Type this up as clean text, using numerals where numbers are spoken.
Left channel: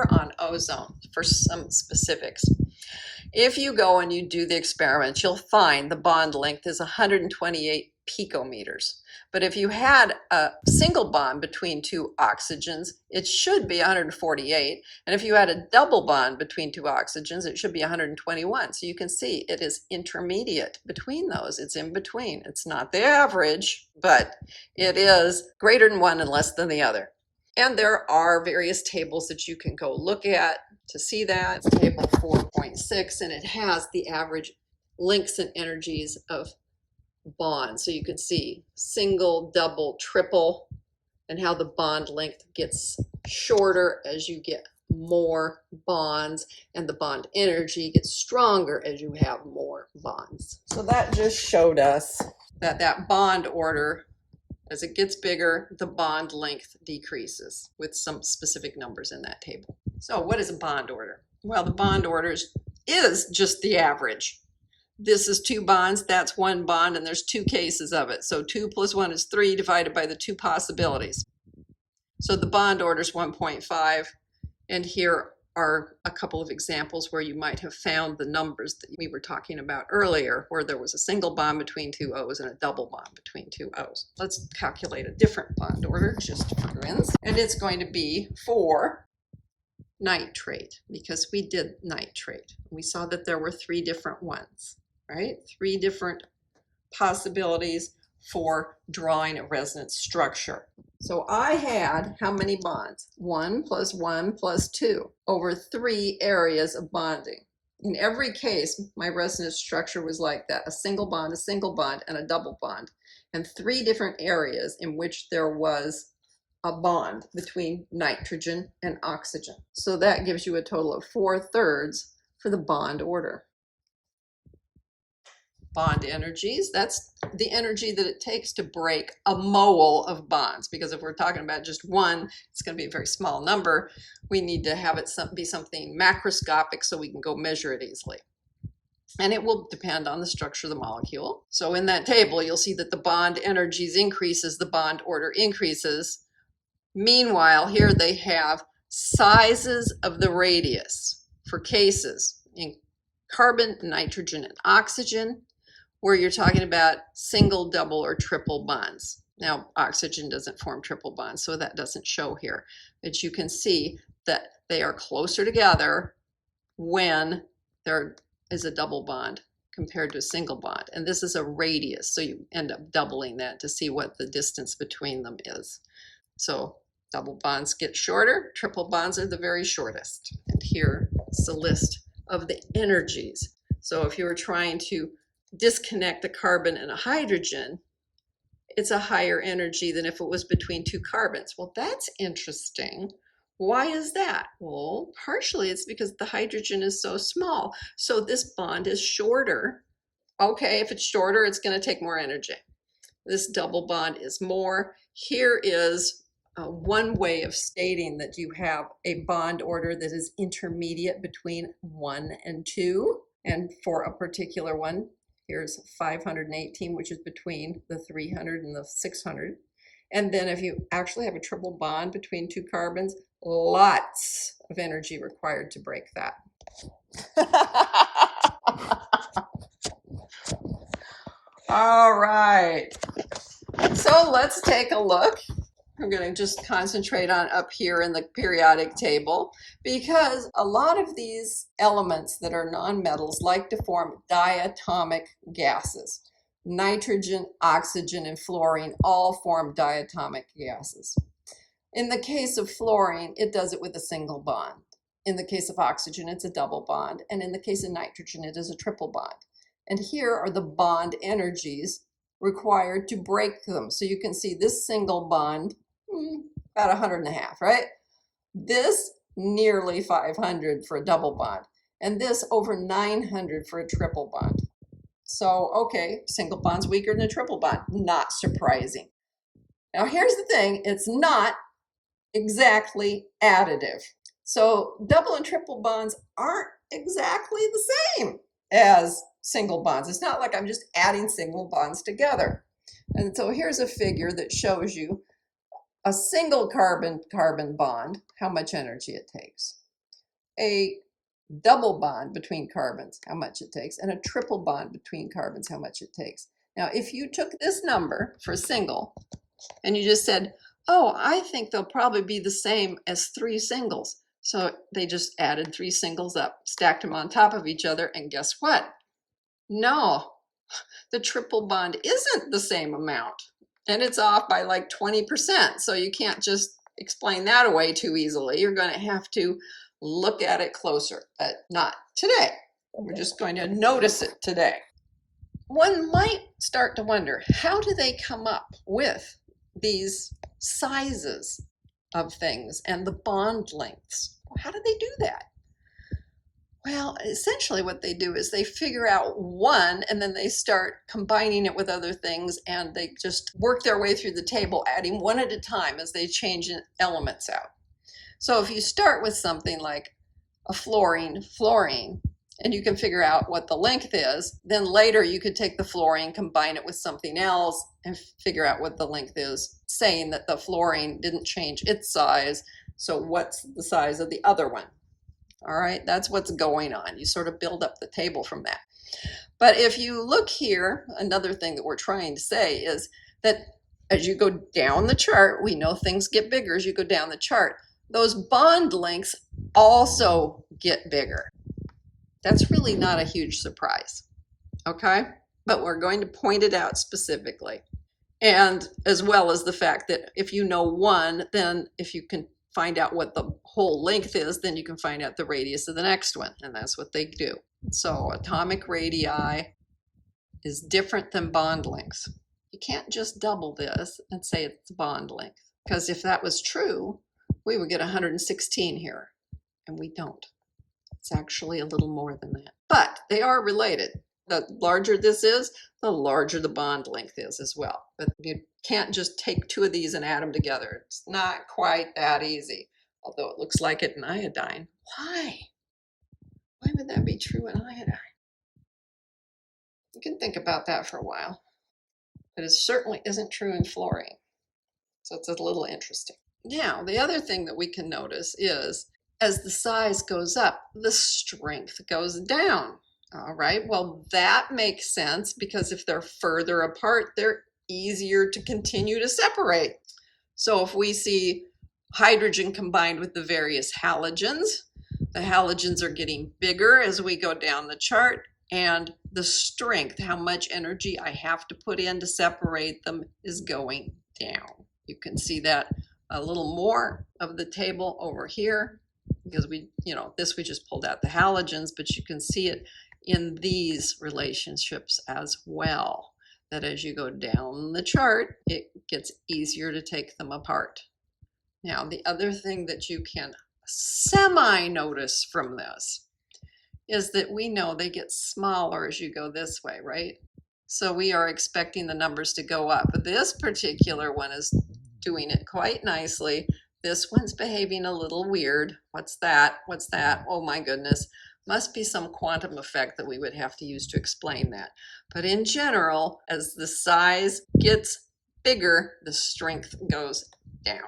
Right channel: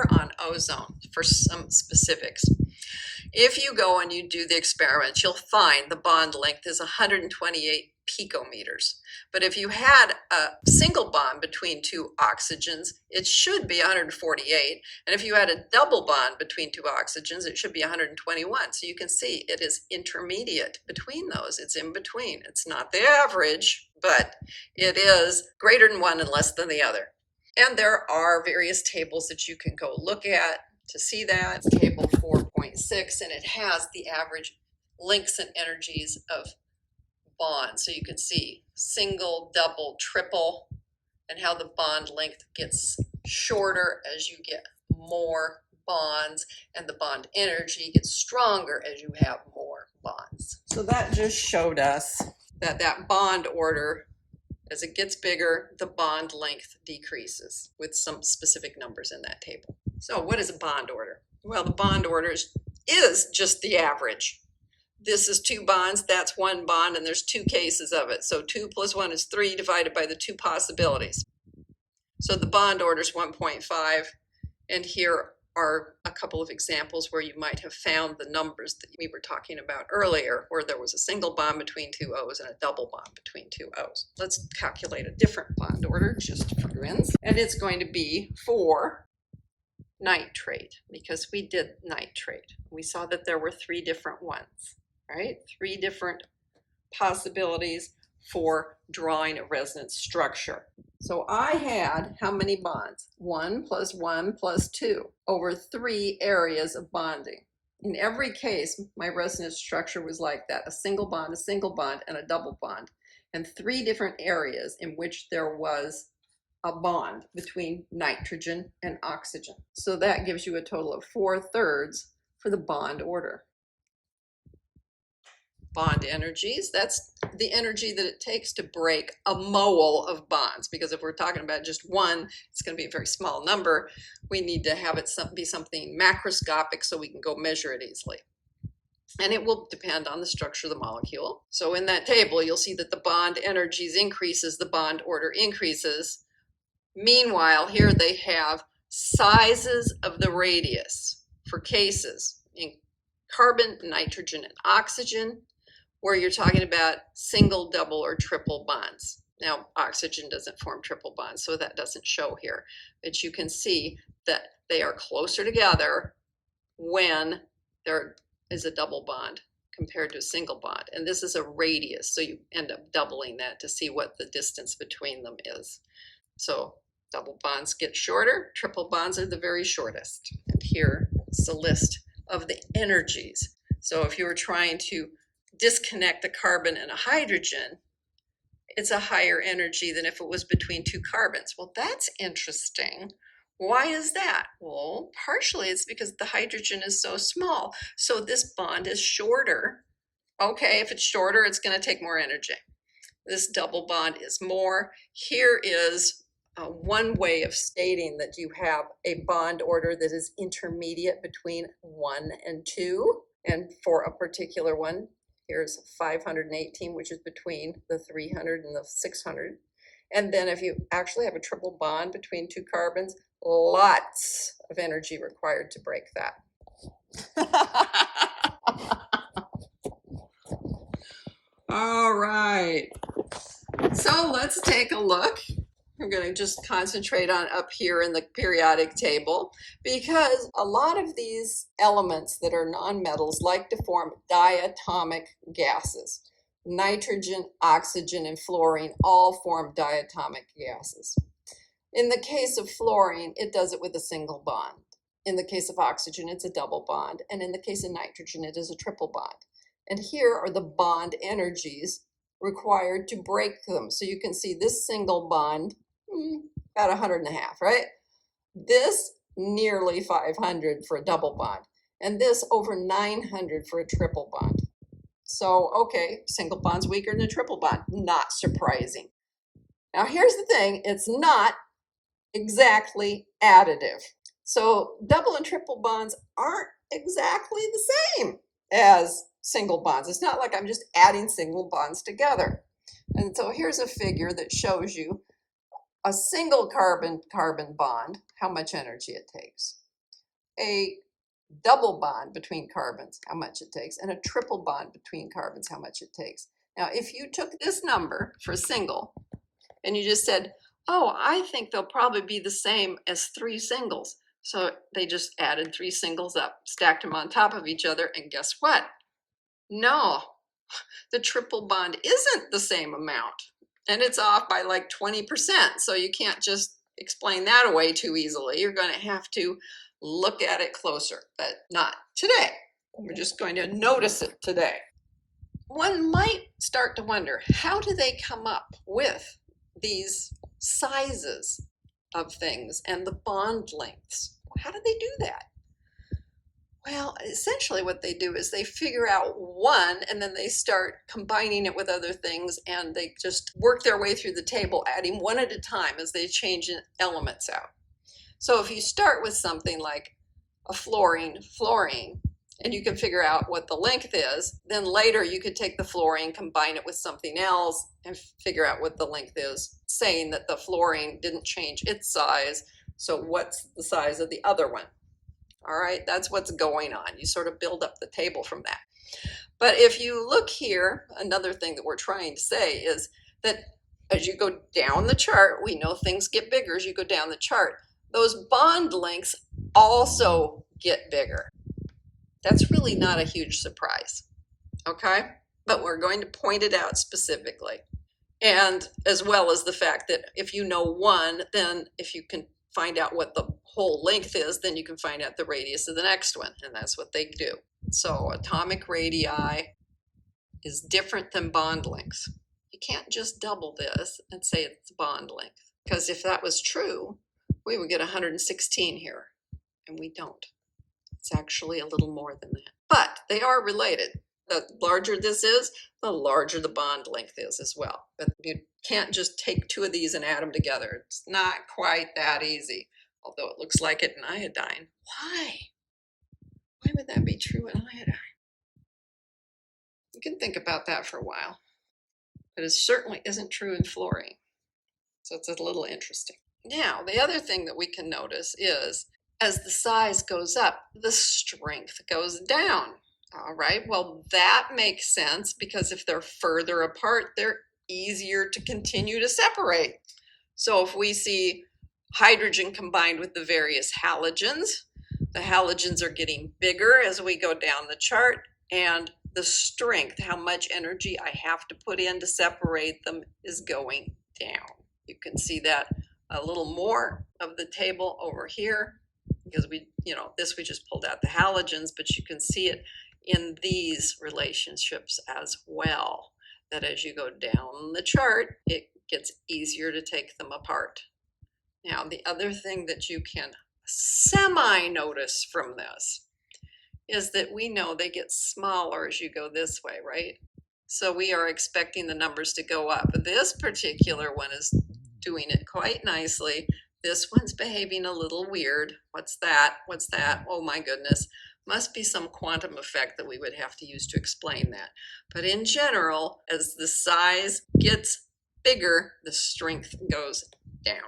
here on ozone for some specifics. If you go and you do the experiment, you'll find the bond length is 128 picometers. But if you had a single bond between two oxygens, it should be 148. And if you had a double bond between two oxygens, it should be 121. So you can see it is intermediate between those. It's in between. It's not the average, but it is greater than one and less than the other. And there are various tables that you can go look at to see that. It's table 4.6, and it has the average lengths and energies of bonds. So you can see single, double, triple, and how the bond length gets shorter as you get more bonds, and the bond energy gets stronger as you have more bonds. So that just showed us that that bond order, as it gets bigger, the bond length decreases with some specific numbers in that table. So what is a bond order? Well, the bond order is just the average. This is two bonds, that's one bond, and there's two cases of it. So 2 plus 1 is 3 divided by the two possibilities. So the bond order is 1.5, and here are a couple of examples where you might have found the numbers that we were talking about earlier, where there was a single bond between two O's and a double bond between two O's. Let's calculate a different bond order just for grins, and it's going to be for nitrate, because we did nitrate. We saw that there were 3 different ones, right? 3 different possibilities for drawing a resonance structure. So I had how many bonds? 1 plus 1 plus 2 over 3 areas of bonding. In every case, my resonance structure was like that: a single bond, and a double bond, and 3 different areas in which there was a bond between nitrogen and oxygen. So that gives you a total of 4/3 for the bond order. Bond energies, that's the energy that it takes to break a mole of bonds, because if we're talking about just one, it's going to be a very small number. We need to have it be something macroscopic so we can go measure it easily. And it will depend on the structure of the molecule. So in that table, you'll see that the bond energies increases, the bond order increases. Meanwhile, here they have sizes of the radius for cases in carbon, nitrogen, and oxygen, where you're talking about single, double, or triple bonds. Now, oxygen doesn't form triple bonds, so that doesn't show here. But you can see that they are closer together when there is a double bond compared to a single bond. And this is a radius, so you end up doubling that to see what the distance between them is. So double bonds get shorter, triple bonds are the very shortest. And here is the list of the energies. So if you were trying to disconnect a carbon and a hydrogen, it's a higher energy than if it was between 2 carbons. Well, that's interesting. Why is that? Well, partially it's because the hydrogen is so small. So this bond is shorter. Okay, if it's shorter, it's going to take more energy. This double bond is more. Here is one way of stating that you have a bond order that is intermediate between 1 and 2. And for a particular one, here's 518, which is between the 300 and the 600. And then if you actually have a triple bond between 2 carbons, lots of energy required to break that. All right. So let's take a look. I'm going to just concentrate on up here in the periodic table, because a lot of these elements that are nonmetals like to form diatomic gases. Nitrogen, oxygen, and fluorine all form diatomic gases. In the case of fluorine, it does it with a single bond. In the case of oxygen, it's a double bond. And in the case of nitrogen, it is a triple bond. And here are the bond energies required to break them. So you can see this single bond, about 100.5, right? This nearly 500 for a double bond, and this over 900 for a triple bond. So, okay, single bond's weaker than a triple bond. Not surprising. Now, here's the thing. It's not exactly additive. So double and triple bonds aren't exactly the same as single bonds. It's not like I'm just adding single bonds together. And so here's a figure that shows you a single carbon-carbon bond, how much energy it takes. a double bond between carbons, how much it takes, and a triple bond between carbons, how much it takes. Now, if you took this number for single and you just said, oh, I think they'll probably be the same as 3 singles. So they just added 3 singles up, stacked them on top of each other, and guess what? No, the triple bond isn't the same amount, and it's off by like 20%. So you can't just explain that away too easily. You're going to have to look at it closer, but not today. We're just going to notice it today. One might start to wonder, how do they come up with these sizes of things and the bond lengths? How do they do that? Well, essentially what they do is they figure out one and then they start combining it with other things, and they just work their way through the table, adding one at a time as they change elements out. So if you start with something like a fluorine, and you can figure out what the length is, then later you could take the fluorine, combine it with something else, and figure out what the length is, saying that the fluorine didn't change its size, so what's the size of the other one? All right, that's what's going on. You sort of build up the table from that. But if you look here, another thing that we're trying to say is that as you go down the chart, we know things get bigger as you go down the chart. Those bond lengths also get bigger. That's really not a huge surprise, okay? But we're going to point it out specifically. And as well as the fact that if you know one, then if you can find out what the whole length is, then you can find out the radius of the next one, and that's what they do. So atomic radii is different than bond lengths. You can't just double this and say it's bond length, because if that was true, we would get 116 here, and we don't. It's actually a little more than that. But they are related. The larger this is, the larger the bond length is as well. But you can't just take 2 of these and add them together. It's not quite that easy, although it looks like it in iodine. Why? Why would that be true in iodine? You can think about that for a while. But it certainly isn't true in fluorine. So it's a little interesting. Now, the other thing that we can notice is as the size goes up, the strength goes down. All right, well, that makes sense because if they're further apart, they're easier to continue to separate. So if we see hydrogen combined with the various halogens, the halogens are getting bigger as we go down the chart, and the strength, how much energy I have to put in to separate them, is going down. You can see that a little more of the table over here because we just pulled out the halogens, but you can see it in these relationships as well, that as you go down the chart, it gets easier to take them apart. Now, the other thing that you can semi-notice from this is that we know they get smaller as you go this way, right? So we are expecting the numbers to go up. This particular one is doing it quite nicely. This one's behaving a little weird. What's that? What's that? Oh my goodness. Must be some quantum effect that we would have to use to explain that. But in general, as the size gets bigger, the strength goes down.